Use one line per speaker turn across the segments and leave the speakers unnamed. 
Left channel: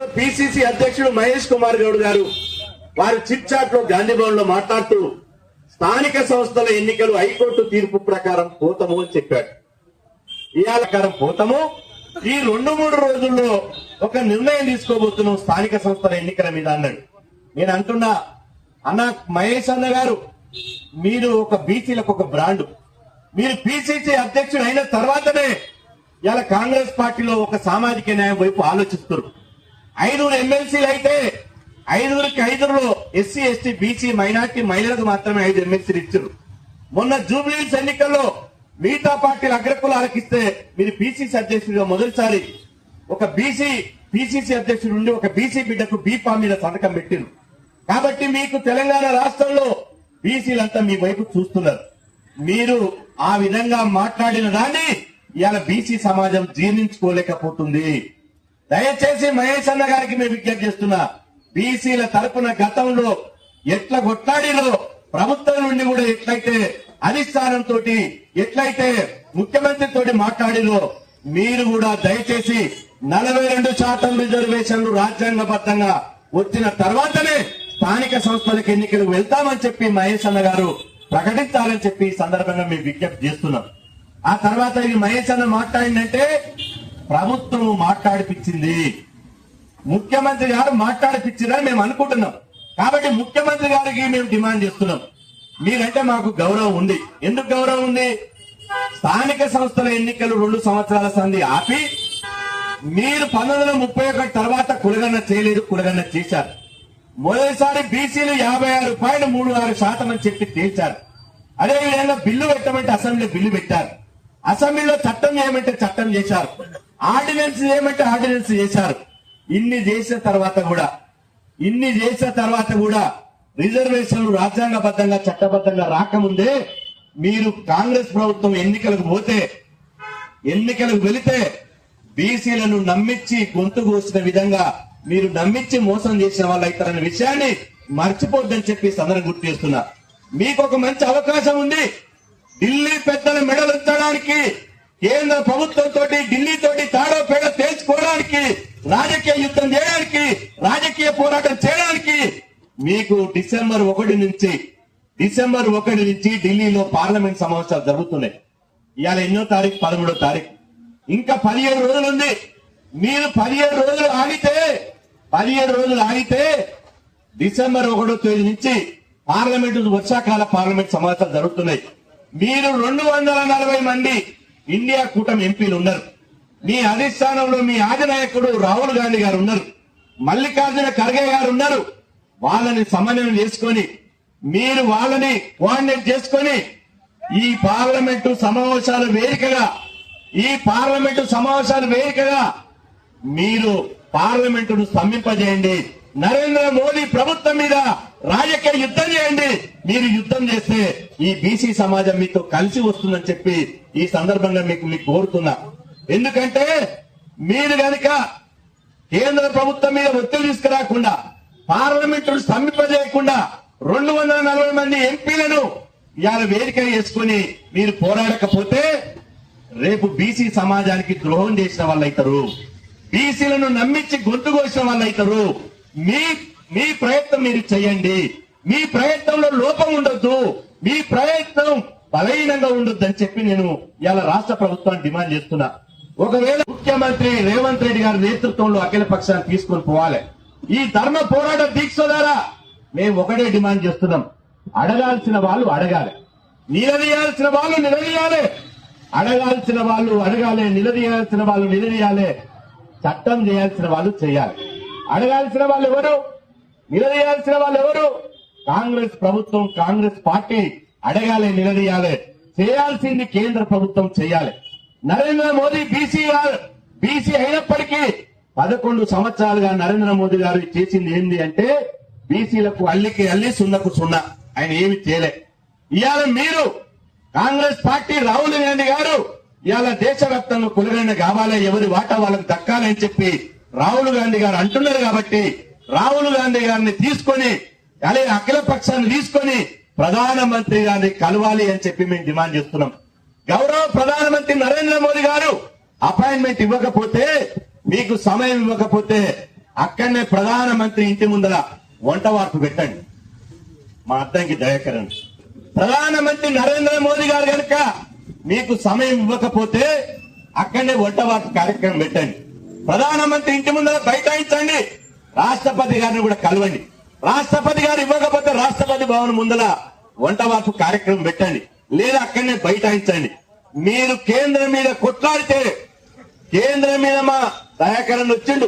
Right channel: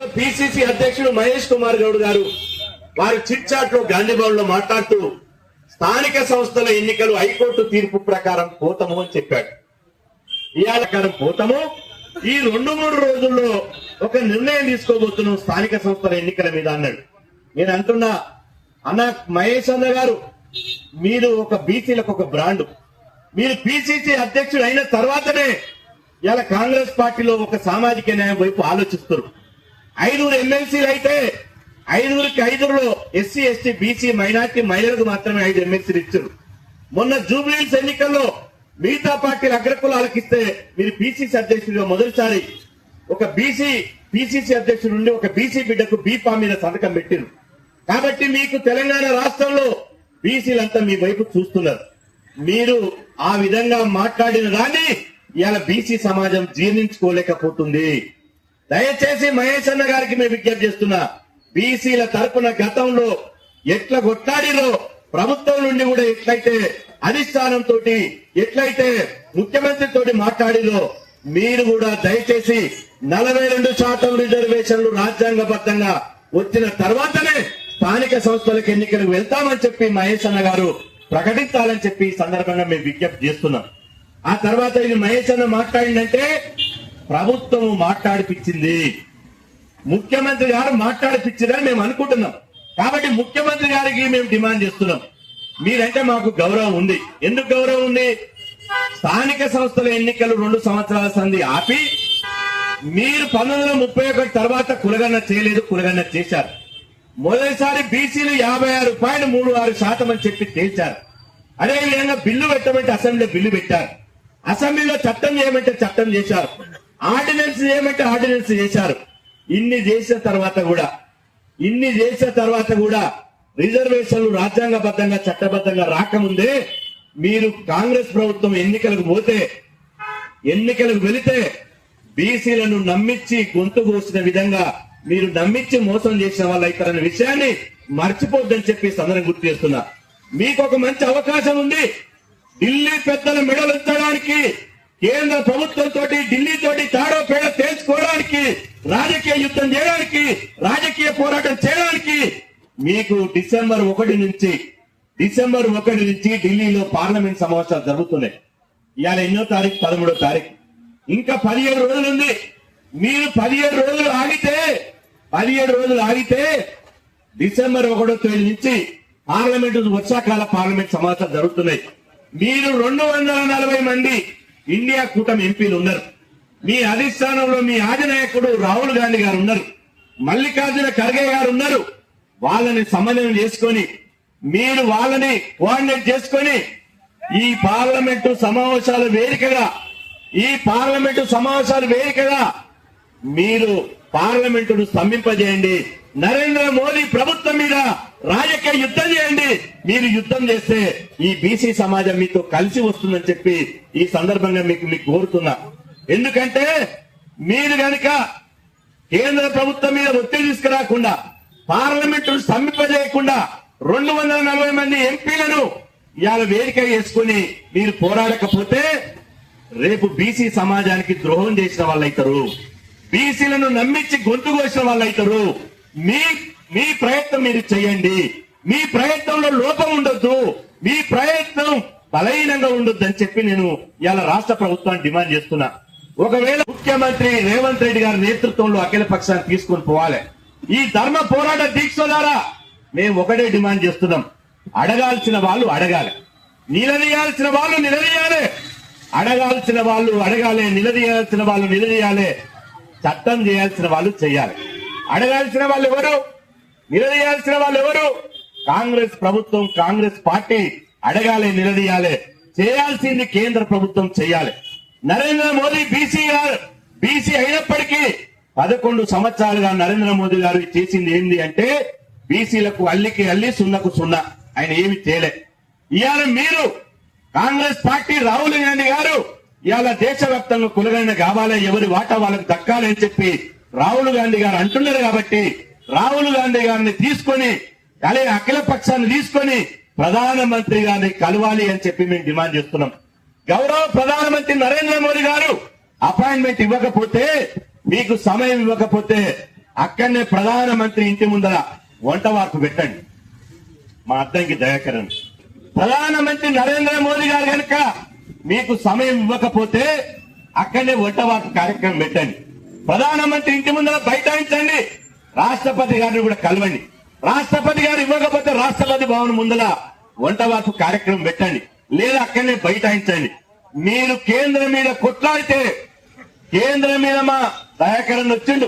PCC అధ్యక్షుడు మహేష్ కుమార్ గౌడ్ గారు వారు చిట్ చాట్లో గాంధీభవన్లో మాట్లాడుతూ స్థానిక సంస్థల ఎన్నికలు హైకోర్టు తీర్పు ప్రకారం పోతము అని చెప్పాడు. ఇవాళ ప్రకారం పోతము. ఈ రెండు మూడు రోజుల్లో ఒక నిర్ణయం తీసుకోబోతున్నాం స్థానిక సంస్థల ఎన్నికల మీద అన్నాడు. నేను అంటున్నా అన్న మహేష్ అన్న గారు మీరు ఒక బీసీలకు ఒక బ్రాండ్. మీరు పిసిసి అధ్యక్షుడు అయిన తర్వాతనే ఇలా కాంగ్రెస్ పార్టీలో ఒక సామాజిక న్యాయం వైపు ఆలోచిస్తున్నారు. ఐదుగురు ఎమ్మెల్సీలు అయితే ఐదుగురికి ఐదుగురులో ఎస్సీ ఎస్టీ బీసీ మైనార్టీ మహిళలకు మాత్రమే ఐదు ఎమ్మెల్సీలు ఇచ్చారు. మొన్న జూబ్లీస్ ఎన్నికల్లో మిగతా పార్టీల అగ్రకులాలకు ఇస్తే మీరు బీసీసీ అధ్యక్షుడిగా మొదటిసారి ఒక బీసీ పీసీసీ అధ్యక్షుడు నుండి ఒక బీసీ బిడ్డకు బీపా మీద సంతకం పెట్టిరు. కాబట్టి మీకు తెలంగాణ రాష్ట్రంలో బీసీలంతా మీ వైపు చూస్తున్నారు. మీరు ఆ విధంగా మాట్లాడిన దాన్ని ఇవాళ బీసీ సమాజం జీర్ణించుకోలేకపోతుంది. దయచేసి మహేష్ అన్న గారికి మేము విజ్ఞప్తి చేస్తున్నా బీసీల తరపున గతంలో ఎట్ల కొట్లాడిలో ప్రభుత్వం నుండి కూడా ఎట్లయితే అధిష్టానంతో తోటి ఎట్లయితే ముఖ్యమంత్రితో మాట్లాడిలో మీరు కూడా దయచేసి నలభై రెండు శాతం రిజర్వేషన్లు రాజ్యాంగబద్ధంగా వచ్చిన తర్వాతనే స్థానిక సంస్థలకు ఎన్నికలకు వెళ్తామని చెప్పి మహేష్ అన్న గారు ప్రకటించాలని చెప్పి ఈ సందర్భంగా మేము విజ్ఞప్తి చేస్తున్నాం. ఆ తర్వాత ఇది మహేష్ అన్న మాట్లాడిందంటే ప్రభుత్వం మాట్లాడిపించింది ముఖ్యమంత్రి గారు మాట్లాడిపించిందని మేము అనుకుంటున్నాం. కాబట్టి ముఖ్యమంత్రి గారికి మేము డిమాండ్ చేస్తున్నాం. మీరంటే మాకు గౌరవం ఉంది. ఎందుకు గౌరవం ఉంది? స్థానిక సంస్థల ఎన్నికలు రెండు సంవత్సరాల సంధి ఆపి మీరు పంతొమ్మిది ముప్పై ఒకటి తర్వాత కులగన్న చేయలేదు కులగన్న చేశారు. మొదటిసారి బీసీలు యాభై ఆరు పాయింట్ మూడు ఆరు శాతం అని చెప్పి తేల్చారు. అదేవిధంగా బిల్లు పెట్టమంటే అసెంబ్లీ బిల్లు పెట్టారు. అసెంబ్లీలో చట్టం చేయమంటే చట్టం చేశారు. ఆర్డినెన్స్ ఏమంటే ఆర్డినెన్స్ చేశారు. ఇన్ని చేసిన తర్వాత కూడా ఇన్ని చేసిన తర్వాత కూడా రిజర్వేషన్లు రాజ్యాంగబద్ధంగా చట్టబద్ధంగా రాకముందే మీరు కాంగ్రెస్ ప్రభుత్వం ఎన్నికలకు పోతే ఎన్నికలకు వెళితే బీసీలను నమ్మించి గొంతు కోసిన విధంగా మీరు నమ్మించి మోసం చేసిన వాళ్ళు అవుతారనే విషయాన్ని మర్చిపోద్దని చెప్పి సందర్భం గుర్తు చేస్తున్నా. మీకు ఒక మంచి అవకాశం ఉంది. ఢిల్లీ పెద్దల మెడలు ఉంచడానికి కేంద్ర ప్రభుత్వంతో ఢిల్లీ తోటి తాడో పేడ తేల్చుకోవడానికి రాజకీయ యుద్ధం చేయడానికి రాజకీయ పోరాటం చేయడానికి మీకు డిసెంబర్ ఒకటి నుంచి డిసెంబర్ ఒకటి నుంచి ఢిల్లీలో పార్లమెంట్ సమావేశాలు జరుగుతున్నాయి. ఇవాళ ఎన్నో తారీఖు? పదమూడో తారీఖు. ఇంకా పదిహేడు రోజులు ఉంది. మీరు పదిహేడు రోజులు ఆగితే పదిహేడు రోజులు ఆగితే డిసెంబర్ ఒకటో తేదీ నుంచి పార్లమెంట్ వర్షాకాల పార్లమెంట్ సమావేశాలు జరుగుతున్నాయి. మీరు రెండు వందల నలభై మంది ఇండియా కూటమి ఎంపీలు ఉన్నారు. మీ అధిష్టానంలో మీ ఆదినాయకుడు రాహుల్ గాంధీ గారు ఉన్నారు. మల్లికార్జున ఖర్గే గారు ఉన్నారు. వాళ్ళని సమన్వయం చేసుకొని మీరు వాళ్ళని కోఆర్డినేట్ చేసుకొని ఈ పార్లమెంటు సమావేశాల వేదికగా ఈ పార్లమెంటు సమావేశాల వేదికగా మీరు పార్లమెంటును స్తంభింపజేయండి. నరేంద్ర మోదీ ప్రభుత్వం మీద రాజకీయ యుద్ధం చేయండి. మీరు యుద్ధం చేస్తే ఈ బీసీ సమాజం మీతో కలిసి వస్తుందని చెప్పి ఈ సందర్భంగా మీకు మీకు కోరుతున్నా. ఎందుకంటే మీరు గనక కేంద్ర ప్రభుత్వం మీద ఒత్తిడి తీసుకురాకుండా పార్లమెంట్ స్తంభింపజేయకుండా రెండు వందల నలభై మంది ఎంపీలను ఇవాళ వేదిక వేసుకుని మీరు పోరాడకపోతే రేపు బీసీ సమాజానికి ద్రోహం చేసిన వాళ్ళైతారు. బీసీలను నమ్మించి గొంతు కోసిన అవుతారు మీ మీ ప్రయత్నం మీరు చేయండి. మీ ప్రయత్నంలో లోపం ఉండొద్దు. మీ ప్రయత్నం బలహీనంగా ఉండొద్దు అని చెప్పి నేను ఇవాళ రాష్ట్ర ప్రభుత్వాన్ని డిమాండ్ చేస్తున్నా. ఒకవేళ ముఖ్యమంత్రి రేవంత్ రెడ్డి గారి నేతృత్వంలో అఖిల పక్షాన్ని తీసుకొని పోవాలి. ఈ ధర్మ పోరాట దీక్ష ద్వారా మేము ఒకటే డిమాండ్ చేస్తున్నాం. అడగాల్సిన వాళ్ళు అడగాలి. నిలదీయాల్సిన వాళ్ళు నిలదీయాలి. అడగాల్సిన వాళ్ళు అడగాలి. నిలదీయాల్సిన వాళ్ళు నిలదీయాలి. చట్టం చేయాల్సిన వాళ్ళు చేయాలి. అడగాల్సిన వాళ్ళు ఎవరు? నిలదీయాల్సిన వాళ్ళు ఎవరు కాంగ్రెస్ ప్రభుత్వం కాంగ్రెస్ పార్టీ అడగాలి నిలదీయాలి. చేయాల్సింది కేంద్ర ప్రభుత్వం చేయాలి. నరేంద్ర మోదీ బీసీ గారు బీసీ అయినప్పటికీ పదకొండు సంవత్సరాలుగా నరేంద్ర మోదీ గారు చేసింది ఏంది అంటే బీసీలకు అల్లికి అల్లి సున్నకు సున్నా. ఆయన ఏమి చేయలే. ఇవాళ మీరు కాంగ్రెస్ పార్టీ రాహుల్ గాంధీ గారు ఇవాళ దేశవ్యాప్తంగా కొలుగైన కావాలి ఎవరి వాటా వాళ్ళకి దక్కాలని అని చెప్పి రాహుల్ గాంధీ గారు అంటున్నారు కాబట్టి రాహుల్ గాంధీ గారిని తీసుకొని అలాగే అఖిల పక్షాన్ని తీసుకొని ప్రధానమంత్రి గారిని కలవాలి అని చెప్పి మేము డిమాండ్ చేస్తున్నాం. గౌరవ ప్రధానమంత్రి నరేంద్ర మోదీ గారు అపాయింట్మెంట్ ఇవ్వకపోతే మీకు సమయం ఇవ్వకపోతే అక్కడనే ప్రధానమంత్రి ఇంటి ముందర వంట వార్పు పెట్టండి. మా అద్దంకి దయాకరణ్ ప్రధానమంత్రి నరేంద్ర మోదీ గారు కనుక మీకు సమయం ఇవ్వకపోతే అక్కడనే వంట వార్పు కార్యక్రమం పెట్టండి. ప్రధానమంత్రి ఇంటి ముందర బైఠాయించండి. రాష్ట్రపతి గారిని కూడా కలవండి. రాష్ట్రపతి గారు ఇవ్వకపోతే రాష్ట్రపతి భవన్ ముందర వంట వార్పు కార్యక్రమం పెట్టండి. లేదా అక్కడనే బైఠాయించండి. మీరు కేంద్రం మీద కొట్లాడితే కేంద్రం మీద మా దయాకరణ వచ్చిండు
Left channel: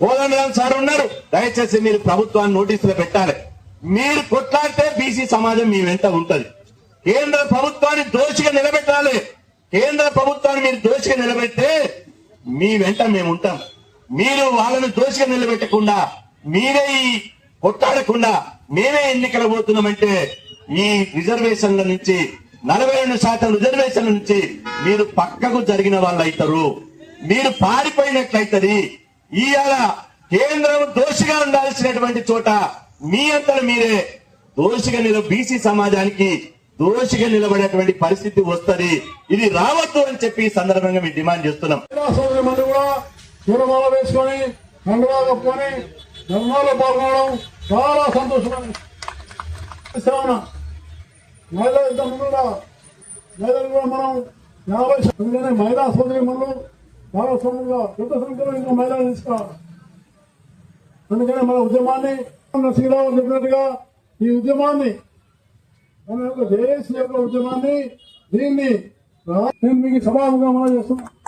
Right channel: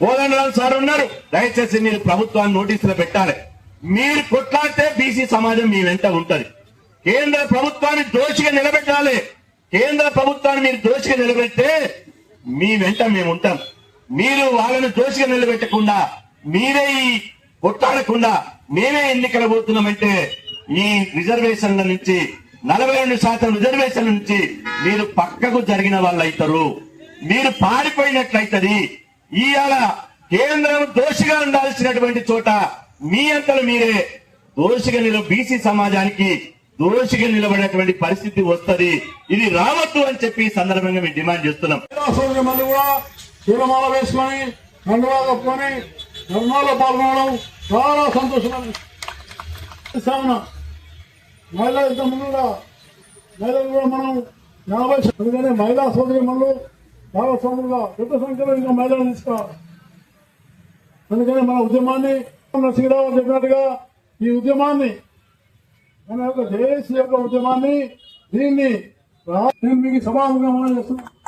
కోదండరాం సార్ ఉన్నారు. దయచేసి మీరు ప్రభుత్వాన్ని నోటీసులు పెట్టాలి. మీరు కొట్లాడితే బీసీ సమాజం మీ వెంట ఉంటది. కేంద్ర ప్రభుత్వాన్ని దోషిగా నిలబెట్టాలి. కేంద్ర ప్రభుత్వాన్ని మీరు దోషిగా నిలబెడితే మీ వెంట మేము ఉంటాం. మీరు వాళ్ళను దోషిగా నిలబెట్టకుండా మీరే ఈ కొట్టాడకుండా మేమే ఎన్నికలు పోతున్నామంటే ఈ రిజర్వేషన్ల నుంచి నలభై రెండు శాతం రిజర్వేషన్ల నుంచి మీరు పక్కకు జరిగిన వాళ్ళు అవుతారు మీరు పారిపోయినట్లయితది ఇవాళ కేంద్రం దోషిగా ఉండాల్సినటువంటి చోట మీ అంతలో మీరే. దోషిగా నిలబ బీసీ సమాజానికి దోషిగా నిలబడేటువంటి పరిస్థితి వస్తది. ఇది రావద్దు అని చెప్పి సందర్భంగా మేము డిమాండ్ చేస్తున్నాం.
సోదరి తిరుమల వేసుకొని దండరాలు ఒప్పుకొని ధర్మాల్లో పాల్గొనడం చాలా సంతోషం మహిళా మహిళ ముందుగా మహిళలు కూడా మనం యాభై ఎందుకంటే మహిళా సోదరి మనులు చాలా సోదరుగా పెద్ద సంఖ్యలో ఇంకా మహిళలు తీసుకోవాలి అందుకని మన ఉద్యమాన్ని నరసింహరావు చెప్పినట్టుగా ఈ ఉద్యమాన్ని మన యొక్క దేశ యొక్క ఉద్యమాన్ని దీన్ని నేను మీకు సభాముగా చేస్తున్నాను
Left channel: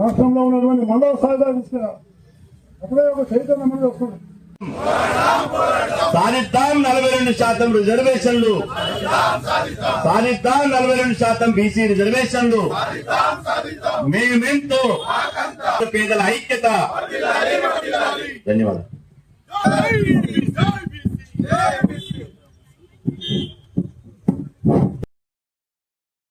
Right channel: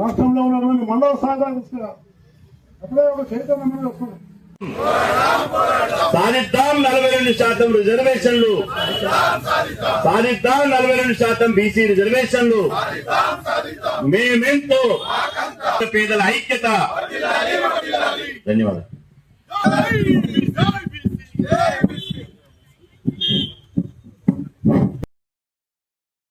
రాష్ట్రంలో ఉన్నటువంటి మండల స్థాయి దాకా తీసుకురా. అప్పుడే ఒక చైతన్యం అనేది వస్తుంది
సాధిద్దాం నలభై రెండు శాతం రిజర్వేషన్లు. సాధిద్దాం నలభై రెండు శాతం బీసీ రిజర్వేషన్లు. మేమెంతో పేదల ఐక్యత. ధన్యవాదాలు.
జై జై